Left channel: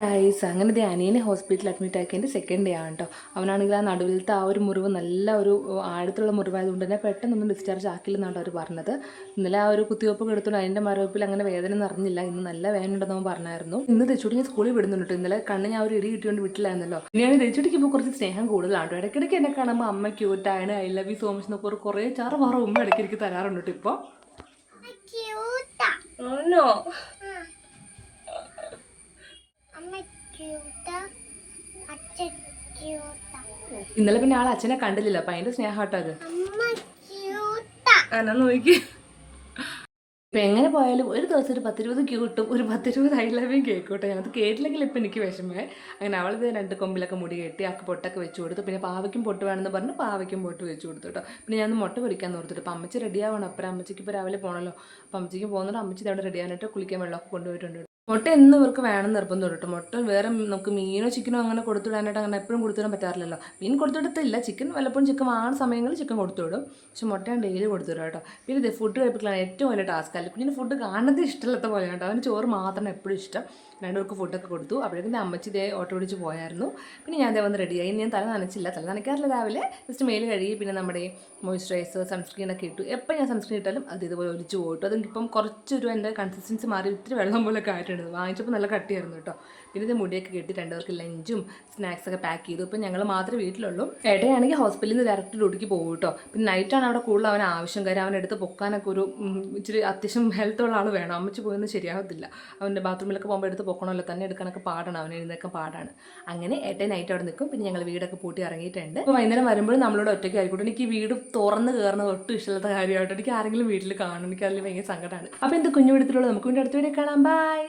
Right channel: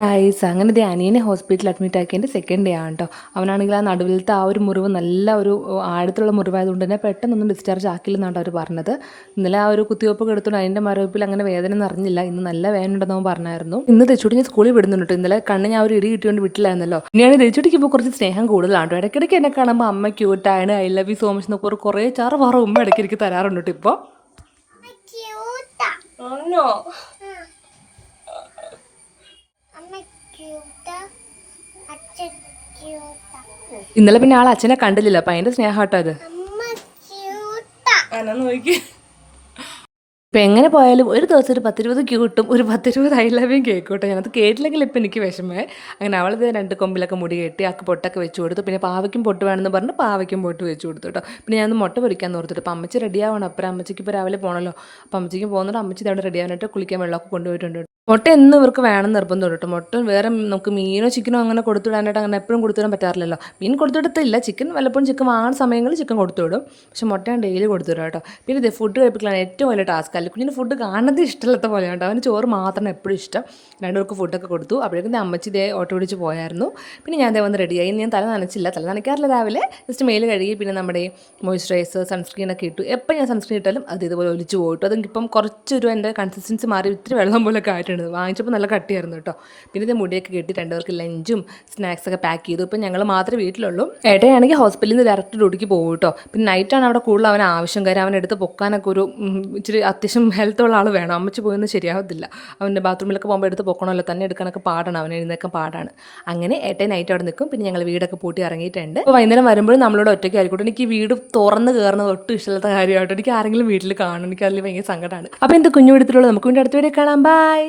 Ice അങ്ങനെ ദേ അനിയനെ ഹോസ്പിറ്റലിൽ അഡ്മിറ്റ് ആക്കിയതിന്റെ സെക്കൻഡ് ഡേ ആണ് കേട്ടോ അവനാണെങ്കിൽ ആ നടുവിലത്തെ ആ ഒരു മുറിവ് നല്ല ഒരു ആഴത്തിലുള്ള മുറിവായതുകൊണ്ട് തന്നെ പെട്ടെന്നൊന്നും ഡിസ്ചാർജ് ആക്കില്ലെന്നാണ് അവർ പറഞ്ഞത്. ഇന്നലെ ആ ഒരു കുത്തിവയ്പ്പ് എടുത്തുകൊണ്ട് അതിന്റെ മരവിപ്പിൽ അങ്ങനെ വേദന നിറഞ്ഞില്ല. ഇന്ന് നല്ല വേദന ഉണ്ടെന്ന് അവൻ പറഞ്ഞായിരുന്നു. ഇന്ന് തെച്ചുടി ഞാൻ സ്കൂളിൽ വിടുന്നുണ്ട്. ഇന്നലെ കണ്ണ് ഞാൻ ഒരു ഇടി കിട്ടിയോണ്ട് വിട്ടില്ലായിരുന്നല്ലോ. ഇനിയാണ് തെച്ചുടിക്ക് ഇപ്പോൾ കുറച്ച് സ്നേഹം കൂടുതലാണ് കേട്ടോ ഇടയ്ക്കിടയ്ക്ക് എന്നെ കാണുമ്പോൾ അമ്മ ക്യൂട്ടാണ് I love you so much എന്നൊക്കെ ഒരു കുറേ ചാറ് വാറ ഉമ്മ ഇടയ്ക്ക് തരാറുണ്ട് കേട്ടോ ഇപ്പോൾ ക്യൂട്ടാ ആണോ അമ്മ ക്യൂട്ടാ അച്ഛൻ ക്യൂട്ടാ ഇന്നലെ പിന്നെ ആൾ അച്ഛനെ കണ്ടില്ല അപ്പൊ അതിന്റെ സ്നേഹട്ടോ അത്. നോക്കി. ഇപ്പം എങ്ങനെ പോയാലും ഒരു ദിവസം ഒരു പത്തിരുപത് ക്യൂട്ടും ഒരു പത്തിരുപത് ഐ ലവ്യും കേക്ക് കേട്ടോ ഞാനത് കേട്ടില്ലെങ്കിൽ ഇപ്പം എനിക്ക് വിഷമേ അങ്ങനെ അവളത് രണ്ട് കൊമ്പിലൊക്കെ മുടി കെട്ടി ആക്ക് പൊട്ടൊക്കെ വെച്ച് കൊടുത്തു. പിന്നെ പാവയ്ക്കും പൊട്ട് വേണമെന്ന് പറഞ്ഞ് പാവയ്ക്കും പൊട്ട് വെച്ച് കൊടുത്തു കേട്ടോ. പിന്നെ ഞാൻ മുട്ട പൊരിക്കാൻ ഓർത്തിട്ട്. അപ്പം അമ്മച്ചി റെഡിയാവണം അപ്പം അമ്മച്ചിക്ക് ഇപ്പോൾ രാവിലെ പോകണല്ലോ അപ്പം അമ്മച്ചിക്ക് പോകുന്നുണ്ട്. അമ്മച്ചി അവിടെ റെഡിയാവാനായിട്ട് കുളിക്കാൻ വെള്ളമൊക്കെ കൊണ്ടുപോയിട്ടുണ്ട്. മുട്ട എന്നും ഇവർക്ക് വേണം നിർബന്ധം കേട്ടോ. മുട്ട വേറെ നമുക്ക് മീനോ ചിക്കനോ അങ്ങനെ കൊടുത്തുവിടാനായിട്ട് അങ്ങനെ എപ്പോഴും കൊടുത്തുവിടാൻ പറ്റാറില്ലല്ലോ. മീൻ കൊടുത്തുവിടത്തില്ല. ചിക്കൻ വല്ലപ്പോഴും ചിക്കൻ വാങ്ങുന്ന സമയങ്ങളിൽ ചിക്കൻ കൊടുത്തുവിടും. പക്ഷെ മുട്ട ഞാൻ ഡെയിലി കൊടുത്തുവിടും കേട്ടോ. പിന്നെ ഇത് ഫുഡ് കഴിപ്പിക്കലാണ് ഏറ്റവും വലിയ ടാസ്ക് അല്ല കുഞ്ഞിന് ഫുഡ് കാണുന്നത് ഇഷ്ടമില്ലാത്ത പോലെ കേട്ടോ. അവന് ചോറ് മാത്രം എപ്പോഴും ഇഷ്ടം. രണ്ടുപേർക്ക് ഫുഡൊക്കെ കൊടുത്തു. അപ്പോഴേക്കും അമ്മച്ചി ഇതേ ഓട്ടോ പിടിച്ച് പോയായിരുന്നു. പിന്നെ ഞാൻ ദേ വന്ന് റെഡിയായി ഞാൻ തല നനച്ചില്ല. തല നനയ്ക്കാറില്ല രാവിലെ. ജസ്റ്റ് മെയിൽ കഴുകി പിന്നെ നമ്മുടെ മോയ്സ്ചറൈസർ സൺസ്ക്രീൻ ഒക്കെ ഇട്ടു. എപ്പോൾ ഞാൻ സൺസ്ക്രീൻ ഇട്ടാലും അത് ഇതുപോലെ ഒലിച്ച് പോയിട്ടു. അതിപ്പം കുറച്ചൊരു എന്റെ കൺസിസ്റ്റൻസി മാറി. ഇത്തിരി വെള്ളം പോലൊക്കെ ആയിട്ടുണ്ട് വാങ്ങിച്ചപ്പോൾ നല്ല കട്ടിയായിരുന്നു കേട്ടോ. പിന്നെ ഇത് മുടിയൊക്കെ കെട്ടി രണ്ടുപേർക്ക് ലഞ്ചും സ്നാക്സൊക്കെ പാക്ക് ചെയ്തു. ഇപ്പം ഞങ്ങൾ മാത്രമേ വീട്ടിലുള്ളൂ. ഏട്ടയാണെങ്കിൽ ഹോസ്പിറ്റലിൽ നിന്ന് ഡയറക്റ്റ് ഡ്യൂട്ടിക്ക് പോകും കേട്ടോ. പിന്നെ നൈറ്റാണ് അവിടെ കൂടുതൽ അവൻ ആവശ്യം. കാര്യം അവൻ എടുത്ത് പൊക്കാനൊക്കെ ഒരു ഇച്ചിരി അത്യാവശ്യം ഹെൽത്ത് ഉള്ള ആൾ വേണം. അമ്മച്ച് പോയൊന്നും ശരിയാവത്തില്ല. അവന്റെ ബാത്റൂമിലൊക്കെ പോകുമ്പോൾ എടുത്ത് പൊക്കണമല്ലോ. തന്നെ എടുക്കാനൊക്കെ പാടാണ്. അവൻ എഴുന്നേക്കാൻ പാടാണ്. അങ്ങനെ ഏട്ടൻ നൈറ്റ് അവിടെ നിൽക്കും. പിന്നെ ഞങ്ങൾ വീടൊക്കെ പൂട്ടി ഇറങ്ങിയിട്ടുണ്ട്. അപ്പോൾ വൈകുന്നേരം വരുമ്പോഴും നമ്മളോട് ഒറ്റയ്ക്ക് ആയിക്കോട്ടെ എനിക്ക് വീട് തുറന്ന് കയറുന്നത് ഒട്ടും ഇഷ്ടമില്ലാത്ത കാര്യമായിട്ട് എനിക്ക് ആരെങ്കിലും വീട്ടിൽ കാണും എനിക്ക് അതിൽ ഭയങ്കര സങ്കടമാണ് അപ്പോൾ എന്ത് കുഞ്ഞു വീടത്തിലുള്ളത് നമുക്ക് വീണ്ടും അടുത്ത വരെ കാണാം. ബൈ